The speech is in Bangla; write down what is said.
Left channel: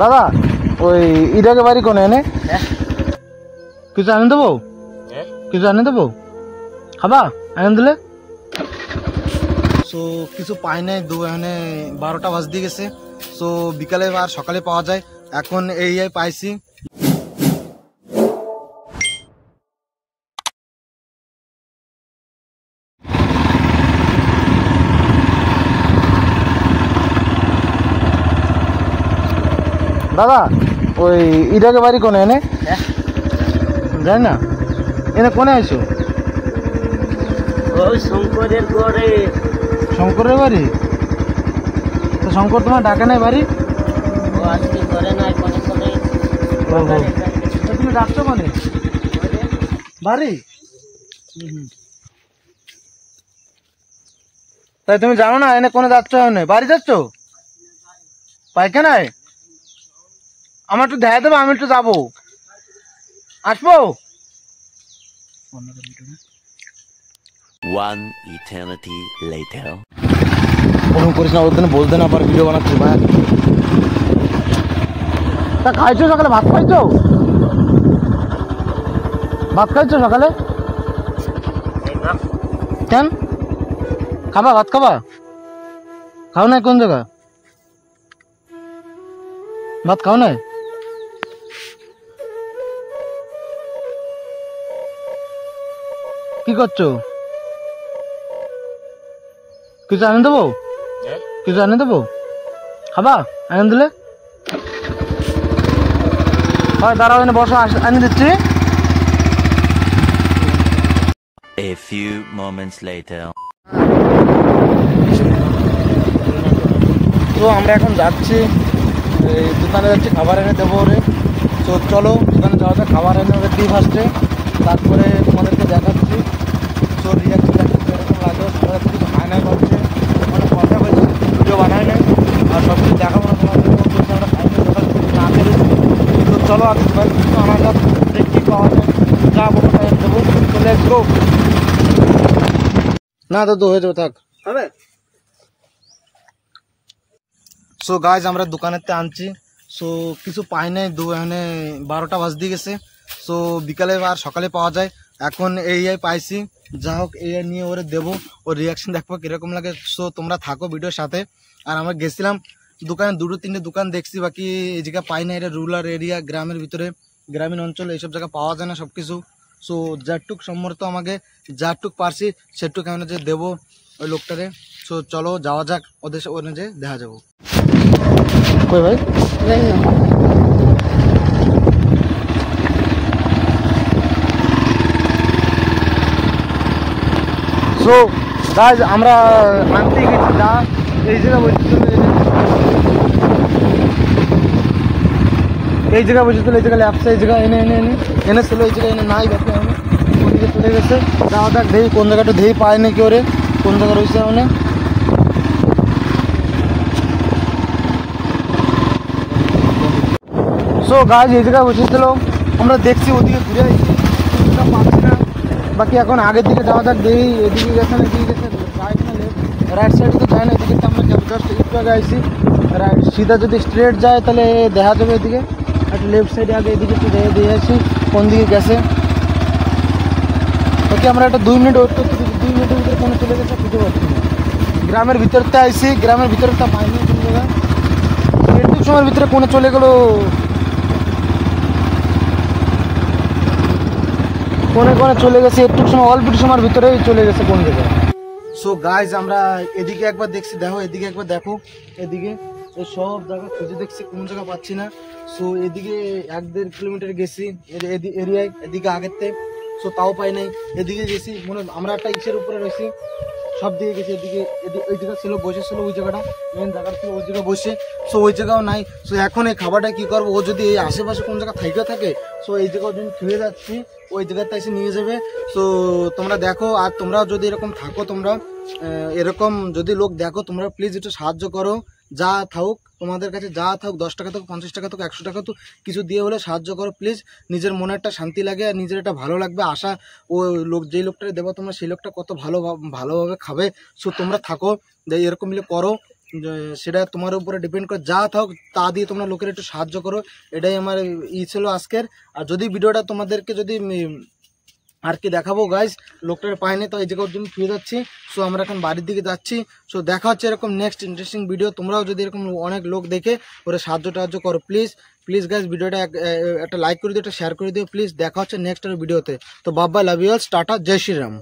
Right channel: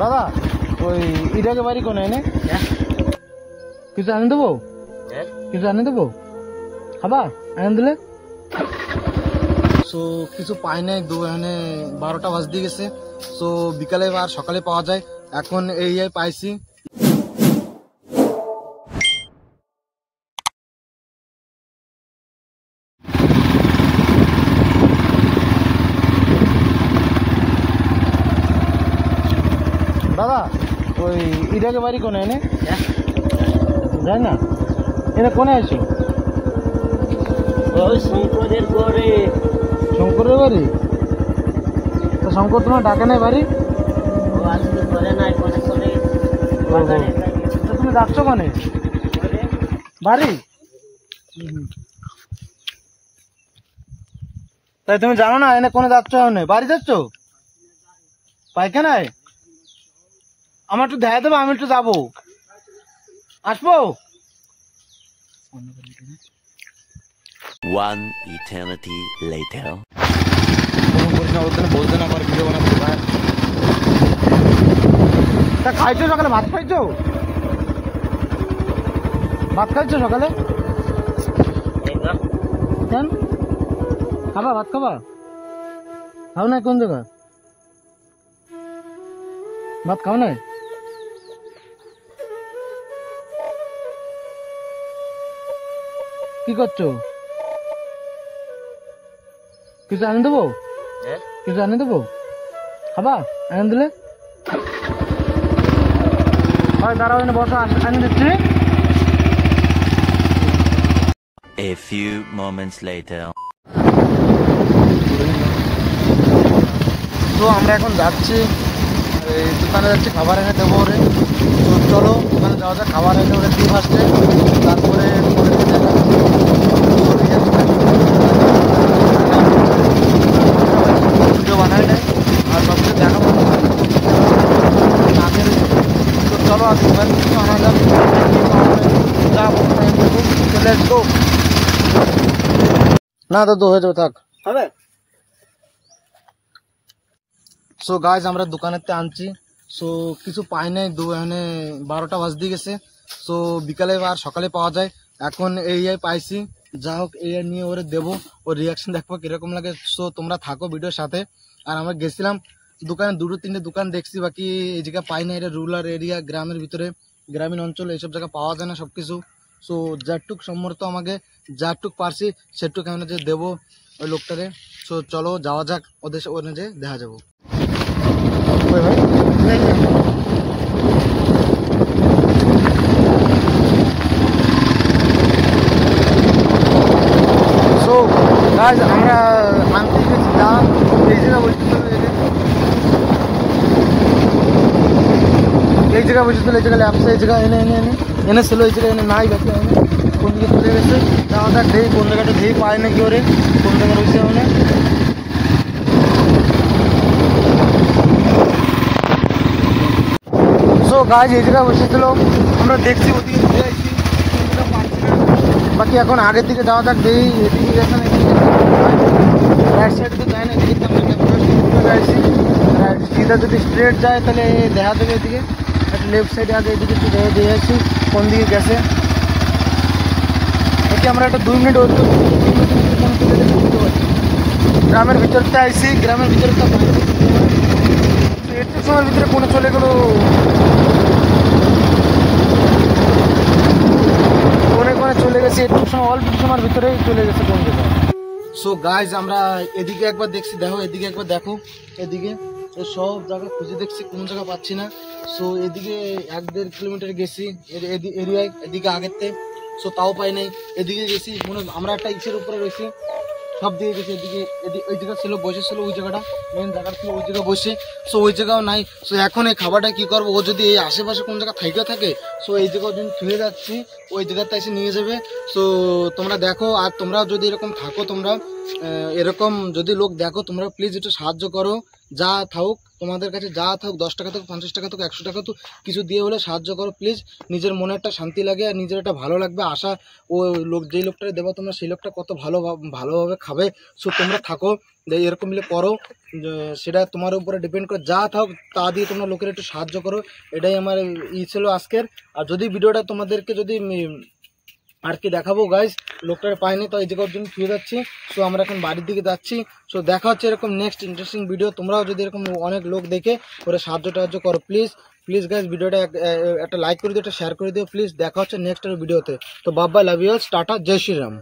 দাদা ওই ইটাকে বাড়ি কোনে এনে কিছু আনে দেবো কিছু আনে দেবো খাবা আনে দিলে সো কিছু পাই নাই এখানে 12টা বাজতে গেছে সো বিকালে আর সকালে পাওয়া যায় এখন এই পাইছি দাদা ওই ইটাকে বাড়ি কোনে এনে জানি না এনে কোনে আছো ওই শঙ্করের ঘরে শঙ্করের বাড়ি তো শঙ্কর তোমার ডাকে নাই বাড়ি ও আজকে ঘরে নাই কোনে কোনে তুমি ডাকছো মানে বাড়ি তাই তুমি জানো না এনে কোনে যাচ্ছ বাড়ি যাচ্ছ পাইখানায় আমার একটু দেখা দেবো আমি একটু যাবো আসবো One eternity later. করিস না ওর জন্য বলতে না পার ভিডিও বানাচ্ছি ভাই তা খাইছো সকালে ভাত খাইছো সকালে কেন খাবা ভাত খাবা খাও নাই কোন জায়গা ভাত খাও নাই কি করছো কিছু আনে দেবো কিছু আনে দেবো খাবা আনে দিলে হয় দাঁড়াও এনে বসো আনে দিচ্ছি A few moments later. তো আমরা এখন যাচ্ছি এই দোকানে যাচ্ছি খাবার এনে দেবো ওরে তো চলো দোকানে যাওয়া যায় খাবার এনে ওকে দিয়ে আসছে তারপরে তোমাদেরকে দেখাচ্ছি ভিডিও বানাই নাই আর সব কিছু দেখাবো না করি তো চলো আর মোবাইল কিছু আনা যাক যা বলবো দেবো চলে আসবো না তো হয়ে যাবে থাক হবে সো গাইজ আমরা দোকানেতে আনছি সো কিছু পাই নাই এখানে 12টা বাজতে গেছে সো বিকালে আর সকালে পাওয়া যায় এখন এই পাইছি যা হোক এই নিয়ে ওরে দেবো ওর রিয়াকশন দেখবো কিরকম লাগে সো তোমরা থাকো ভিডিওর সাথে আর আমরা গেছিলাম দোকানে 2-3টে দোকান দেখছি বাকি এই জায়গা পাই না এটা রুরাল এরিয়া গ্রামের ভিতরে গ্রামীণ অঞ্চল এইসব জায়গা পাওয়া যায় না সব কিছু সো যারটুক সম্মত আমাকে যারটুক পারছি সেটুক আমি যে দেবো ওই লোকটারে সো চলো যাওয়া যাক ওদের ওখানে যে দেখা যাবো ভাই সো গাইজ আমরা আনতে গেছি যা এই জায়গা বসেছিল এই জায়গা ল্যাপসে এই জায়গা এনেছিল এই জায়গায় এনে নাই দেখো আমি কোন দিকে চলে গেছে যাওয়া যাক ঢেই কোন জায়গাটা ঢেই পায় নাকি ওরে কোন জায়গায় বসে মানে সো গাইজ এই জায়গায় বসেছিল আমরা দেখছি ওদিকে বাকি এখন আগের দিকে যাওয়া যাক দেই এদিকে এখন রাইট সাইড দিকে যায় না এদিকে আমরা গাইছি সিধা যদি স্ট্রেট যায় তাহলে দেখা যাবে এদিকে একটা লেফট সাইডে আগে এদিকে একটু দিয়ে আসছি কোন দিকে গেছে এটি আমরা একটা 2 মিনিট ওয়েট করছি 2 মিনিটের ভিতরে কোনো চলে গেছে বুঝতে পারছি গ্রামের ভিতরতে আইসি গ্রামের ভিতরটা একটু সময়ের ভিতরে কোনে চলে গেল কোনে কোনে চলে গেছে একটু সময় অল্প সময়ের ভিতরেই চলে গেছে কোন জায়গায় সো গাইজ আমরা এদিকে একবার দেখছি দেখো এদিকে একবার দেখো এদিকে তো সব জায়গা খুঁজে দেখছি কোন জায়গা পাচ্ছি না সো এদিকে 1-1.5 কিলোমিটার গেছি এরিয়ায় এদিকে আগেরতে সো তাও পাই নাই এদিকে গেছি মনে আমরা একটা ইসের উপরে গেছি সব দিকে গেছি এদিকে ওই জায়গা ছিল বসেছিল ওই জায়গাটা মেন জায়গা ছিল ওই জায়গায় বসে সো ওই জায়গাও নাই সো এখন এই খাবারটা কি করবো ও যদি এই আশেপাশে কোন জায়গা থেকে থাকে সো এই জায়গাও যদি ছুঁয়ে যাচ্ছি ওই জায়গাতে এসে নিয়ে যাবে সো তোমরা দেখো আর তোমরা যদি এরকম থাকো তোমরা এরকম যদি লোক দেখো তোমরা প্লিজ একটু সাহায্য করো যা থাকুক তোমাদের কাছে, যা থাকুক, 10 টাকা থাকুক, 50 টাকা থাকুক, 100 টাকা থাকুক, কিছু দিয়ে হলে সাহায্য করো প্লিজ। নিজের মনে একটা শান্তি লাগে আর নিজের একটা ভালো লাগবে। আশা ও লোক যেই লোকটাকে দেবো তোমরা সেই লোকটা কত ভালোভাবে খাবে। সো তোমরা থাকো এরকম মিলে করো, সেটা তোমার উপরে ডিপেন্ড করে। যা থাকুক তা দিয়ে তোমরা লোকের একটু সাহায্য করো, এটাই আমার ছিল আজকের। আর যদি ভিডিওটা তোমাদেরকে যদি আর কি দেখাবো গাইজ, লোকটার পাইনি তো এই জায়গার জন্য ফিরে যাচ্ছি। সো আমরা এখন বাড়ির দিকে যাচ্ছি। সো দেখা হচ্ছে এরকম নেক্সট ইন্টারেস্টিং ভিডিও। তোমরাও যদি এরকম অনেক লোক দেখে ওরা সাহায্য করো প্লিজ গাইজ। ভিডিওটা একটা লাইক করে দিও, একটা শেয়ার করে দিও প্লিজ। দেখা হচ্ছে নেক্সট ভিডিওতে। তো বাবা লাভ ইউ, টাটা, জয় শ্রীরাম।